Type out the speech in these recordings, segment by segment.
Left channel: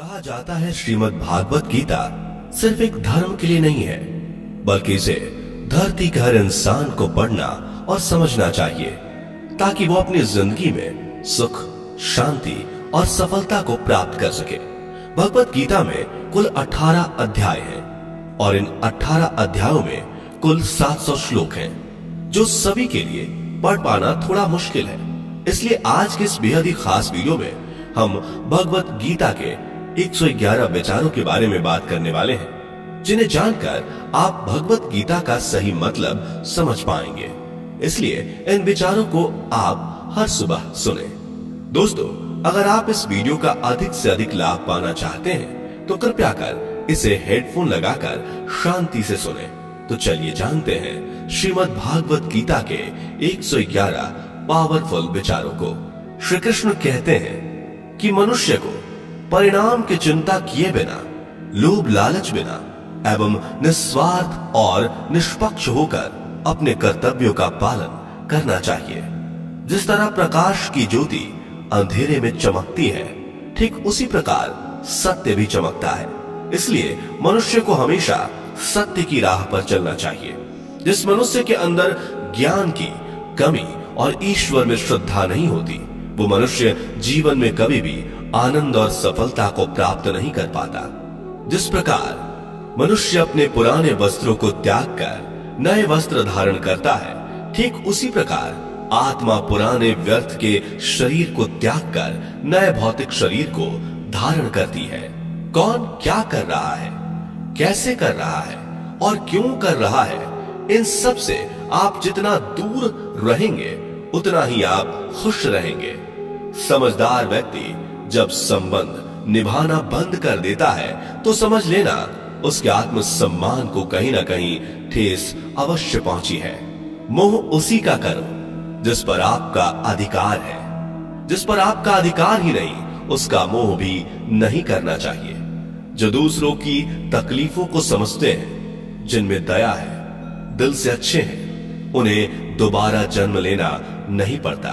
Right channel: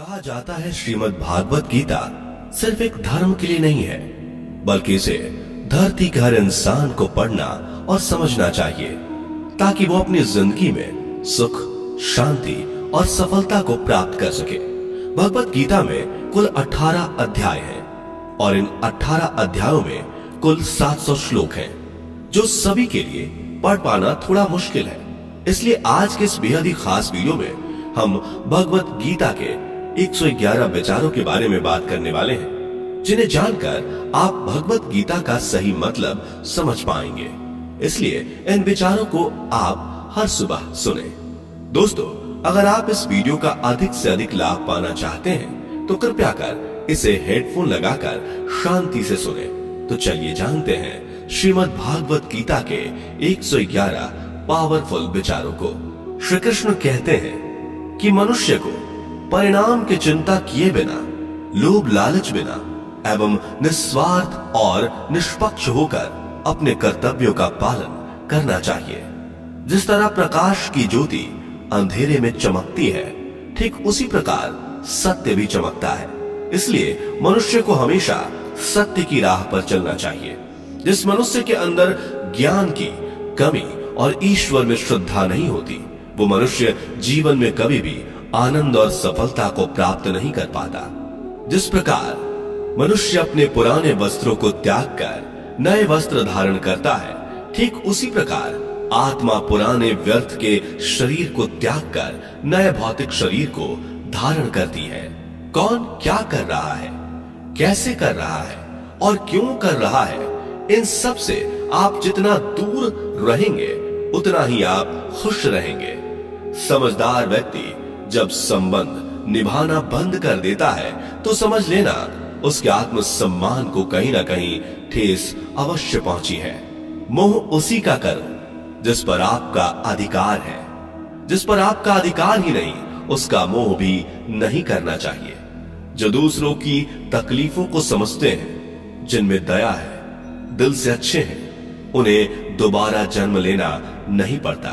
कहा जाता है श्रीमद् भागवत गीता सिर्फ एक धर्म के लिए नहीं है, बल्कि इसे धरती के हर इंसान को पढ़ना और समझना चाहिए ताकि वो अपनी जिंदगी में सुख, शांति और सफलता को प्राप्त कर सके। भगवत गीता में कुल 18 अध्याय हैं और इन 18 अध्यायों में कुल 700 श्लोक हैं, जो सभी के लिए पढ़ पाना थोड़ा मुश्किल है। इसलिए आज के इस बेहद ही खास वीडियो में हम भगवत गीता के 111 विचारों के बारे में बात करने वाले हैं, जिन्हें जानकर आप भगवत गीता का सही मतलब समझ पाएंगे। इसलिए इन विचारों को आप हर सुबह सुने। दोस्तों, अगर आप इस वीडियो का अधिक से अधिक लाभ पाना चाहते हैं तो कृपया कर इसे हेडफोन लगाकर शांति से सुने। तो चलिए जानते हैं श्रीमद् भागवत गीता के 111 पावरफुल विचारों को। श्री कृष्ण कहते हैं कि मनुष्य को परिणाम की चिंता किए बिना, लोभ लालच बिना एवं निस्वार्थ और निष्पक्ष होकर अपने कर्तव्यों का पालन करना चाहिए। जिस तरह प्रकाश की ज्योति अंधेरे में चमकती है, ठीक उसी प्रकार सत्य भी चमकता है। इसलिए मनुष्य को हमेशा सत्य की राह पर चलना चाहिए। जिस मनुष्य के अंदर ज्ञान की कमी और ईश्वर में श्रद्धा नहीं होती, वो मनुष्य जीवन में कभी भी आनंद और सफलता को प्राप्त नहीं कर पाता। जिस प्रकार मनुष्य अपने पुराने वस्त्रों को त्याग कर नए वस्त्र धारण करता है, ठीक उसी प्रकार आत्मा पुराने व्यर्थ के शरीर को त्याग कर नए भौतिक शरीर को धारण करती है। कौन क्या कर रहा है, कैसे कर रहा है और क्यों कर रहा है, इन सब से आप जितना दूर रहेंगे उतना ही आप खुश रहेंगे। समझदार व्यक्ति जब संबंध निभाना बंद कर देता है तो समझ लेना उसके आत्मसम्मान को कहीं ना कहीं ठेस अवश्य पहुंची है। मोह उसी का करो जिस पर आपका अधिकार है। जिस पर आपका अधिकार ही नहीं, उसका मोह भी नहीं करना चाहिए। जो दूसरों की तकलीफों को समझते हैं, जिनमें दया है, दिल से अच्छे हैं, उन्हें दोबारा जन्म लेना नहीं पड़ता।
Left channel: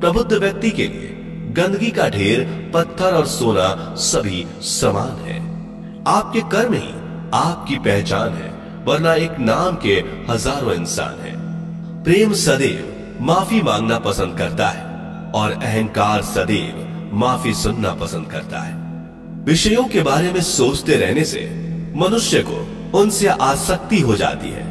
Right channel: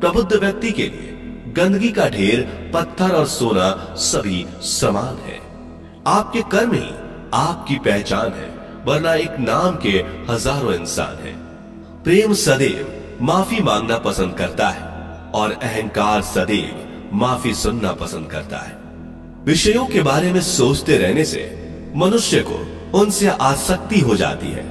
प्रबुद्ध व्यक्ति के लिए गंदगी का ढेर, पत्थर और सोना सभी समान है। आपके कर्म ही आपकी पहचान है, वरना एक नाम के हजारों इंसान हैं। प्रेम सदैव माफी मांगना पसंद करता है और अहंकार सदैव माफी सुनना पसंद करता है। विषयों के बारे में सोचते रहने से मनुष्य को उनसे आसक्ति हो जाती है।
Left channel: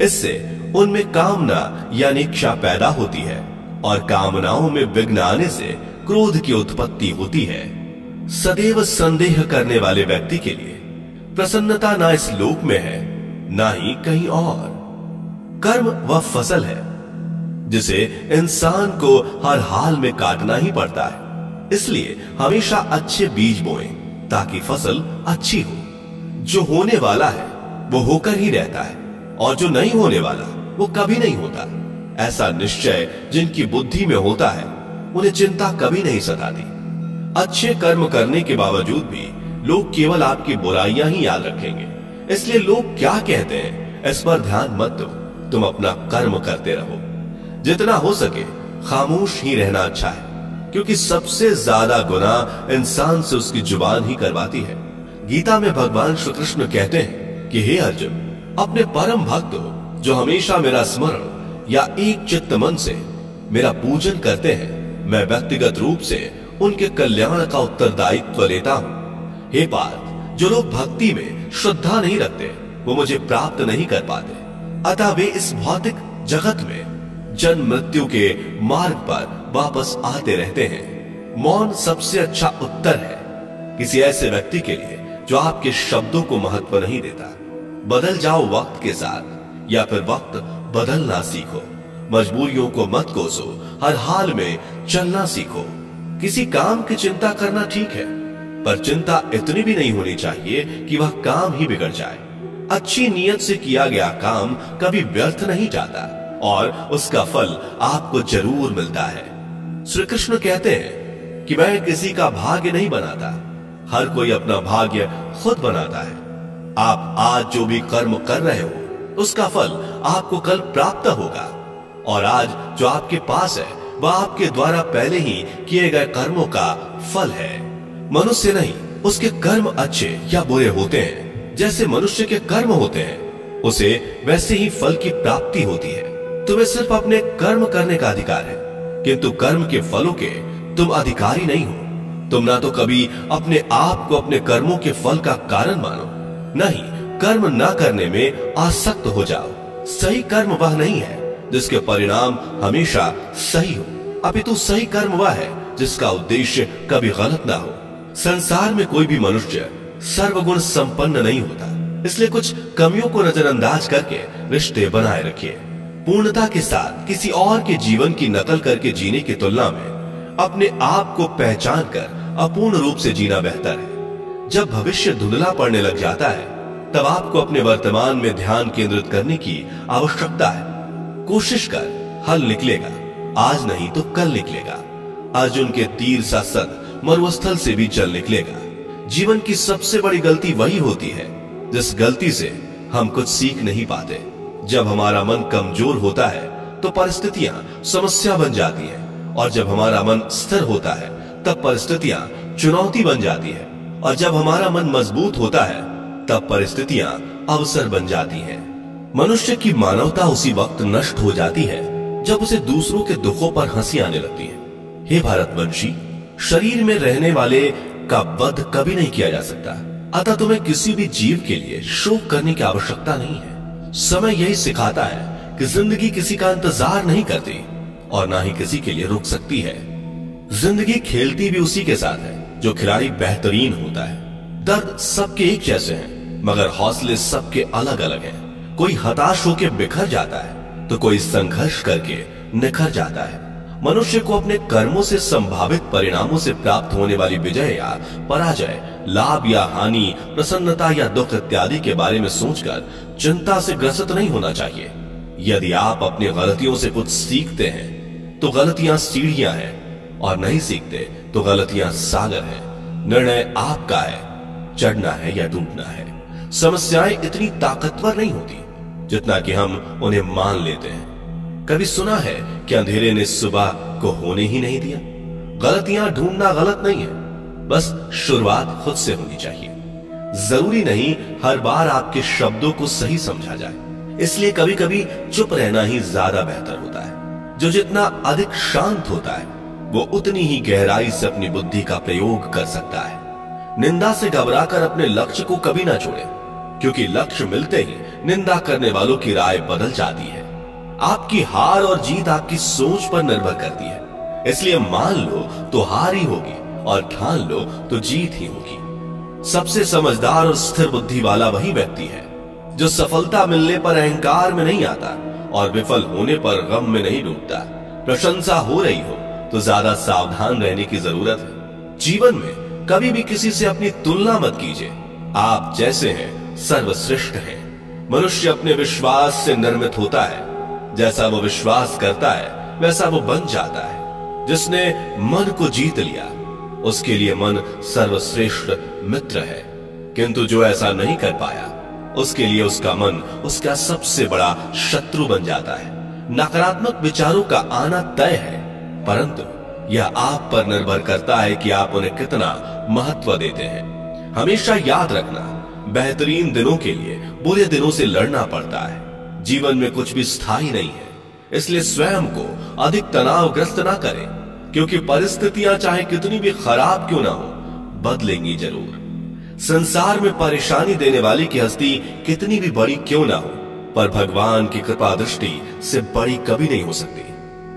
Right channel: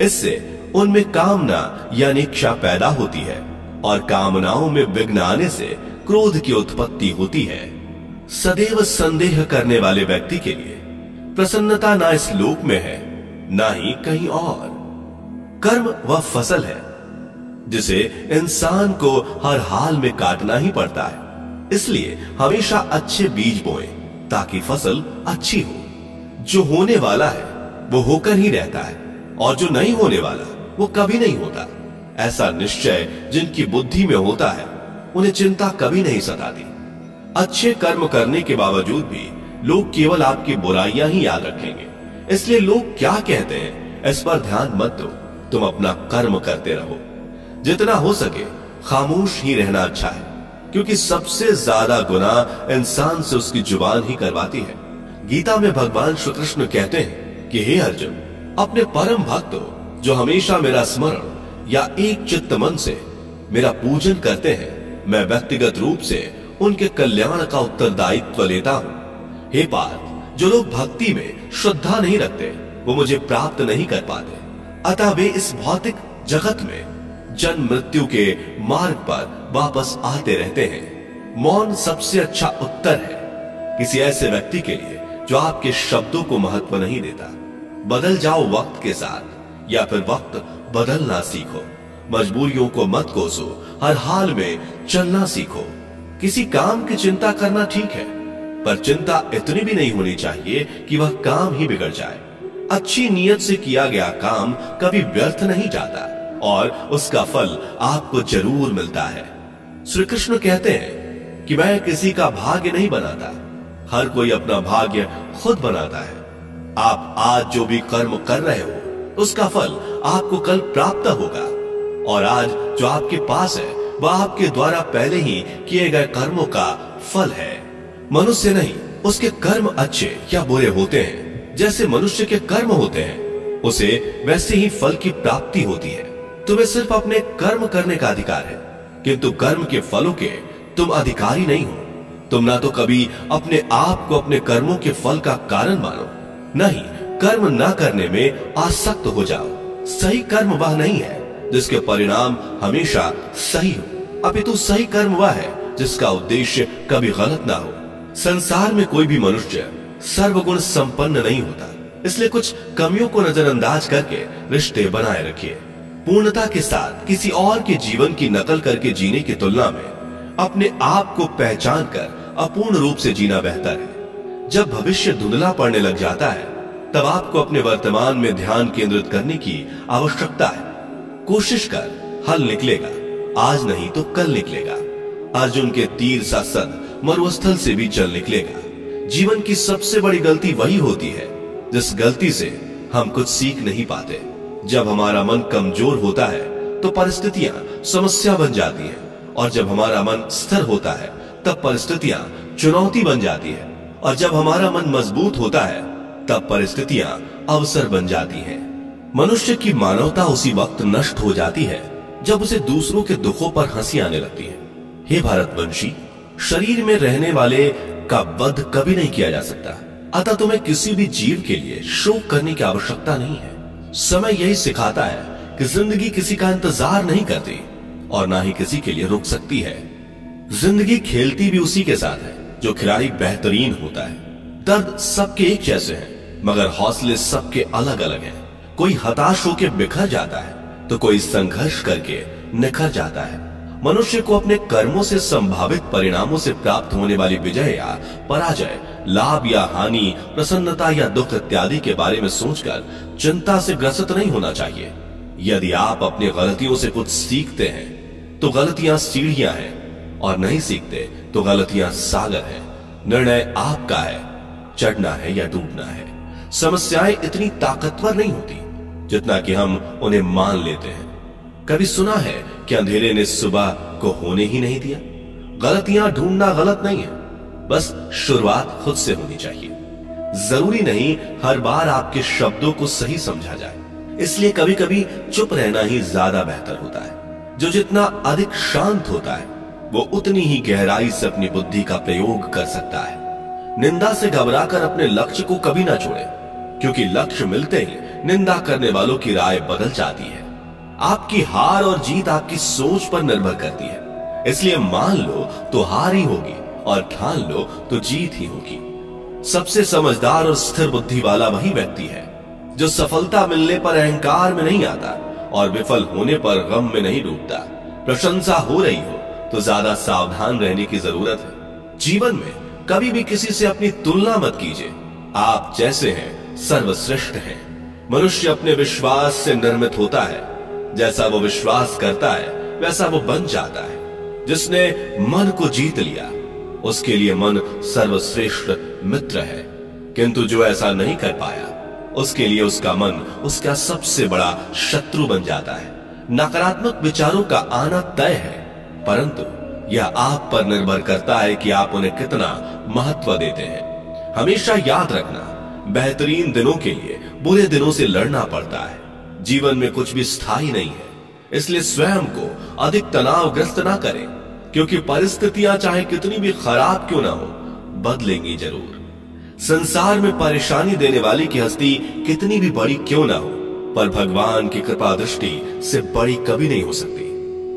इससे उनमें कामना यानी इच्छा पैदा होती है और कामनाओं में विघ्न आने से क्रोध की उत्पत्ति होती है। सदैव संदेह करने वाले व्यक्ति के लिए प्रसन्नता ना इस लोक में है, ना ही कहीं और। कर्म वह फसल है जिसे इंसान को हर हाल में काटना ही पड़ता है। इसलिए हमेशा अच्छे बीज बोएं ताकि फसल अच्छी हो। जो होने वाला है वो होकर ही रहता है और जो नहीं होने वाला वो कभी नहीं होता। ऐसा निश्चय जिनकी बुद्धि में होता है, उन्हें चिंता कभी नहीं सताती। अच्छे कर्म करने के बावजूद भी लोग केवल आपकी बुराइयां ही याद रखेंगे। इसलिए लोग क्या कहते हैं इस पर ध्यान मत दो, तुम अपना कर्म करते रहो। जितना हो सके खामोश ही रहना अच्छा है, क्योंकि सबसे ज्यादा गुनाह इंसान से उसकी जुबान ही करवाती है। गीता में भगवान श्री कृष्ण कहते हैं कि हे अर्जुन, अपने परम भक्त हो जो हमेशा मेरा स्मरण या एक चित्त मन से मेरा पूजन करते हैं, मैं व्यक्तिगत रूप से उनके कल्याण का उत्तरदायित्व लेता हूं। हे पार्थ, जो लोग भक्ति में श्रद्धा नहीं रखते वो मुझे प्राप्त नहीं कर पाते, अतः वे इस भौतिक जगत में जन्म मृत्यु के मार्ग पर वापस आते रहते हैं। मौन सबसे अच्छा उत्तर है किसी ऐसे व्यक्ति के लिए जो आपके शब्दों को महत्व नहीं देता। बदल जाओ वक्त के साथ या फिर वक्त बदलना सीखो। मजबूरियों को मत कोसो, हर हाल में चलना सीखो। किसी काम की चिंता करना ठीक है, पर चिंता इतनी भी नहीं होनी चाहिए कि वह काम ही बिगड़ जाए। अच्छी नीयत से किया गया काम कभी व्यर्थ नहीं जाता और उसका फल आपको जरूर मिलता है। श्री कृष्ण कहते हैं कि मैं किसी का भाग्य नहीं बनाता, हर कोई अपना भाग्य खुद बनाता है। आप आज जो भी कर्म कर रहे हो, उसका फल आपको कल प्राप्त होगा और आज जो आपके पास है वह आपके द्वारा पहले ही किए गए कर्मों का फल है। मनुष्य नहीं उसके कर्म अच्छे या बुरे होते हैं, जैसे मनुष्य के कर्म होते हैं, उसे वैसे ही फल की प्राप्ति होती है। तुम्हें सिर्फ अपने कर्म करने का अधिकार है, किंतु कर्म के फलों के तुम अधिकारी नहीं हो। तुम ना तो कभी अपने आप को अपने कर्मों के फल का कारण मानो, नहीं कर्म ना करने में आसक्त हो जाओ। सही कर्म वह नहीं है जिसके परिणाम हमेशा सही हो, अपितु सही कर्म वह है जिसका उद्देश्य कभी गलत ना हो। संसार में कोई भी मनुष्य सर्वगुण संपन्न नहीं होता, इसलिए कुछ कमियों को नजरअंदाज करके रिश्ते बनाए रखिए। पूर्णता के साथ किसी और के जीवन की नकल करके जीने की तुलना में अपने आप को पहचान कर अपूर्ण रूप से जीना बेहतर है। जब भविष्य धुंधला पड़ने लग जाता है, तब आपको अपने वर्तमान में ध्यान केंद्रित करने की आवश्यकता है। कोशिश कर, हल निकलेगा, आज नहीं तो कल निकलेगा। अर्जुन के तीर सा सद मरुस्थल से भी जल निकलेगा। जीवन की सबसे बड़ी गलती वही होती है जिस गलती से हम कुछ सीख नहीं पाते। जब हमारा मन कमजोर होता है तो परिस्थितियां समस्या बन जाती हैं, और जब हमारा मन स्थिर होता है तब परिस्थितियां चुनौती बन जाती है, और जब हमारा मन मजबूत होता है तब परिस्थितियां अवसर बन जाती हैं। मनुष्य की मानवता उसी वक्त नष्ट हो जाती है जब उसे दूसरों के दुखों पर हंसी आने लगती है। हे भारतवंशी, शरीर में रहने वाले का वध कभी नहीं किया जा सकता, अतः तुम्हें किसी भी जीव के लिए शोक करने की आवश्यकता नहीं है। समय यही सिखाता है कि जिंदगी किसी का इंतजार नहीं करती और ना ही किसी के लिए रुक सकती है। जिंदगी खेलती भी उसी के साथ है जो खिलाड़ी बेहतरीन होता है। दर्द सबके एक जैसे हैं, मगर हौसले सबके अलग अलग हैं। कोई हताश होकर बिखर जाता है तो कोई संघर्ष करके निखर जाता है। मनुष्य को अपने कर्मों से संभावित परिणामों से प्राप्त होने वाली विजय या पराजय, लाभ या हानि, प्रसन्नता या दुख इत्यादि के बारे में सोचकर चिंता से ग्रसित नहीं होना चाहिए। यदि आप अपनी गलतियों से कुछ सीखते हैं तो गलतियां सीढ़ियां हैं, और नहीं सीखते तो गलतियां सागर हैं। निर्णय आपका है, चढ़ना है या डूबना है। समस्याएं इतनी ताकतवर नहीं होती जितना कि हम उन्हें मान लेते हैं। कभी सुना है कि अंधेरे ने सुबह को होने ही नहीं दिया? गलतियां ढूंढना गलत नहीं है, बस शुरुआत खुद से होनी चाहिए। जरूरी नहीं हर बार आपके शब्दों को सही समझा जाए, इसलिए कभी कभी चुप रहना ही ज्यादा बेहतर होता है। जो जितना अधिक शांत होता है वो उतनी ही गहराई से अपनी बुद्धि का प्रयोग कर सकता है। निंदा से घबराकर अपने लक्ष्य को कभी ना छोड़े, क्योंकि लक्ष्य मिलते ही निंदा करने वालों की राय बदल जाती है। आपकी हार और जीत आपकी सोच पर निर्भर करती है, इसलिए मान लो तो हार ही होगी और ठान लो तो जीत ही होगी। सबसे समझदार और स्थिर बुद्धि वाला वही व्यक्ति है जो सफलता मिलने पर अहंकार में नहीं आता और विफल होने पर गम में नहीं डूबता। प्रशंसा हो रही हो तो ज्यादा सावधान रहने की जरूरत है। जीवन में कभी भी किसी से अपनी तुलना मत कीजिए। आप जैसे हैं सर्वश्रेष्ठ हैं। मनुष्य अपने विश्वास से निर्मित होता है। जैसा वो विश्वास करता है वैसा वो बन जाता है। जिसने मन को जीत लिया उसके लिए मन सर्वश्रेष्ठ मित्र है, किंतु जो ऐसा नहीं कर पाया उसके लिए उसका मन उसका सबसे बड़ा शत्रु बन जाता है। नकारात्मक विचारों का आना तय है, परंतु यह आप पर निर्भर करता है कि आप उन्हें कितना महत्व देते हैं। हमेशा याद रखना, बेहतरीन दिनों के लिए बुरे दिनों से लड़ना पड़ता है। जीवन में कुछ भी स्थायी नहीं है, इसलिए स्वयं को अधिक तनावग्रस्त ना करें, क्योंकि परिस्थितियां चाहे कितनी भी खराब क्यों ना हो, बदलेंगी जरूर। संसार में परेशानी देने वाली की हस्ती कितनी भी बड़ी क्यों ना हो, पर भगवान की कृपा दृष्टि से बड़ी कभी नहीं हो सकती।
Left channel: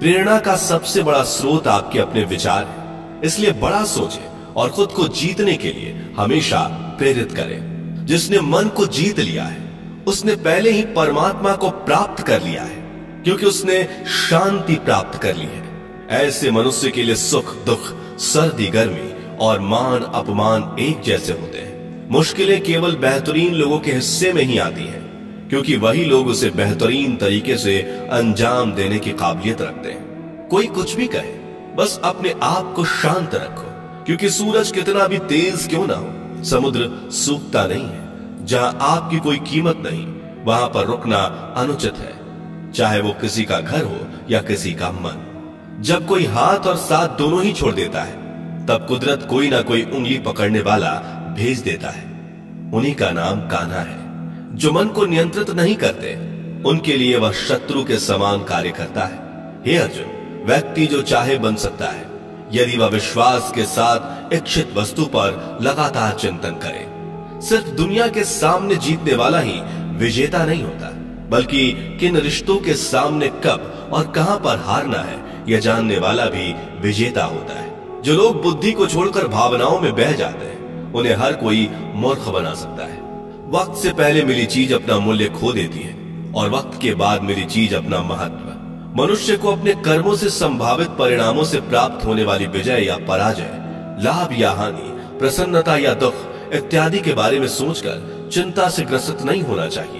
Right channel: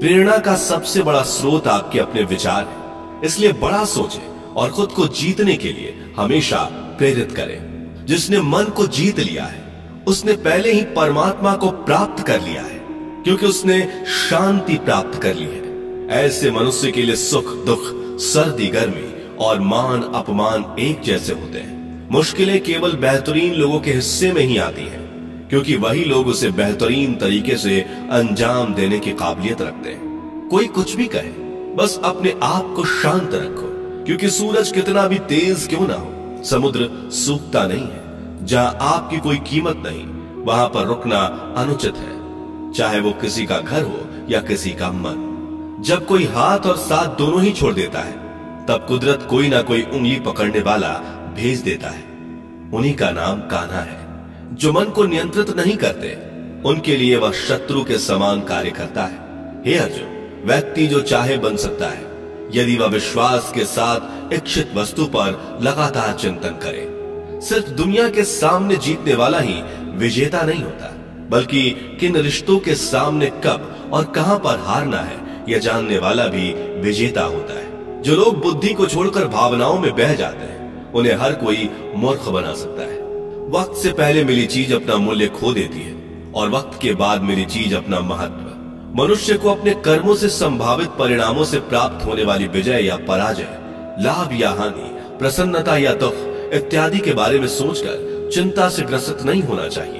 प्रेरणा का सबसे बड़ा स्रोत आपके अपने विचार है, इसलिए बड़ा सोचें और खुद को जीतने के लिए हमेशा प्रेरित करें। जिसने मन को जीत लिया है उसने पहले ही परमात्मा को प्राप्त कर लिया है, क्योंकि उसने शांति प्राप्त कर ली है। ऐसे मनुष्य के लिए सुख दुख, सर्दी गर्मी और मान अपमान एक जैसे होते हैं। मुश्किलें केवल बेहतरीन लोगों के हिस्से में ही आती हैं, क्योंकि वही लोग उसे बेहतरीन तरीके से अंजाम देने की काबिलियत रखते हैं। कोई कुछ भी कहे, बस अपने आप को शांत रखो, क्योंकि सूरज कितना भी तेज क्यों ना हो, समुद्र सूखता नहीं है। जहां आपकी कोई कीमत नहीं वहां पर रुकना अनुचित है, चाहे वो किसी का घर हो या किसी का मन। जब कोई हाथ और साथ दोनों ही छोड़ देता है तब कुदरत कोई ना कोई उंगली पकड़ने वाला भेज देता है। उन्हीं का नाम कान्हा है। जो मन को नियंत्रित नहीं करते, उनके लिए वह शत्रु के समान कार्य करता है। हे अर्जुन, व्यक्ति जो चाहे बन सकता है यदि वह विश्वास के साथ इच्छित वस्तु पर लगातार चिंतन करे। सिर्फ दुनिया के सामने जीतने वाला ही विजेता नहीं होता, बल्कि किन रिश्तों के सामने कब और कहां पर हारना है यह जानने वाला भी विजेता होता है। जो लोग बुद्धि को छोड़कर भावनाओं में बह जाते हैं, उन्हें हर कोई मूर्ख बना सकता है। वक्त से पहले मिली चीज अपना मूल्य खो देती है और वक्त के बाद मिली चीज अपना महत्व। मनुष्य को अपने कर्मों से संभावित परिणामों से प्राप्त होने वाली विजय या पराजय, लाभ या हानि, प्रसन्नता या दुख इत्यादि के बारे में सोचकर चिंता से ग्रसित नहीं होना चाहिए।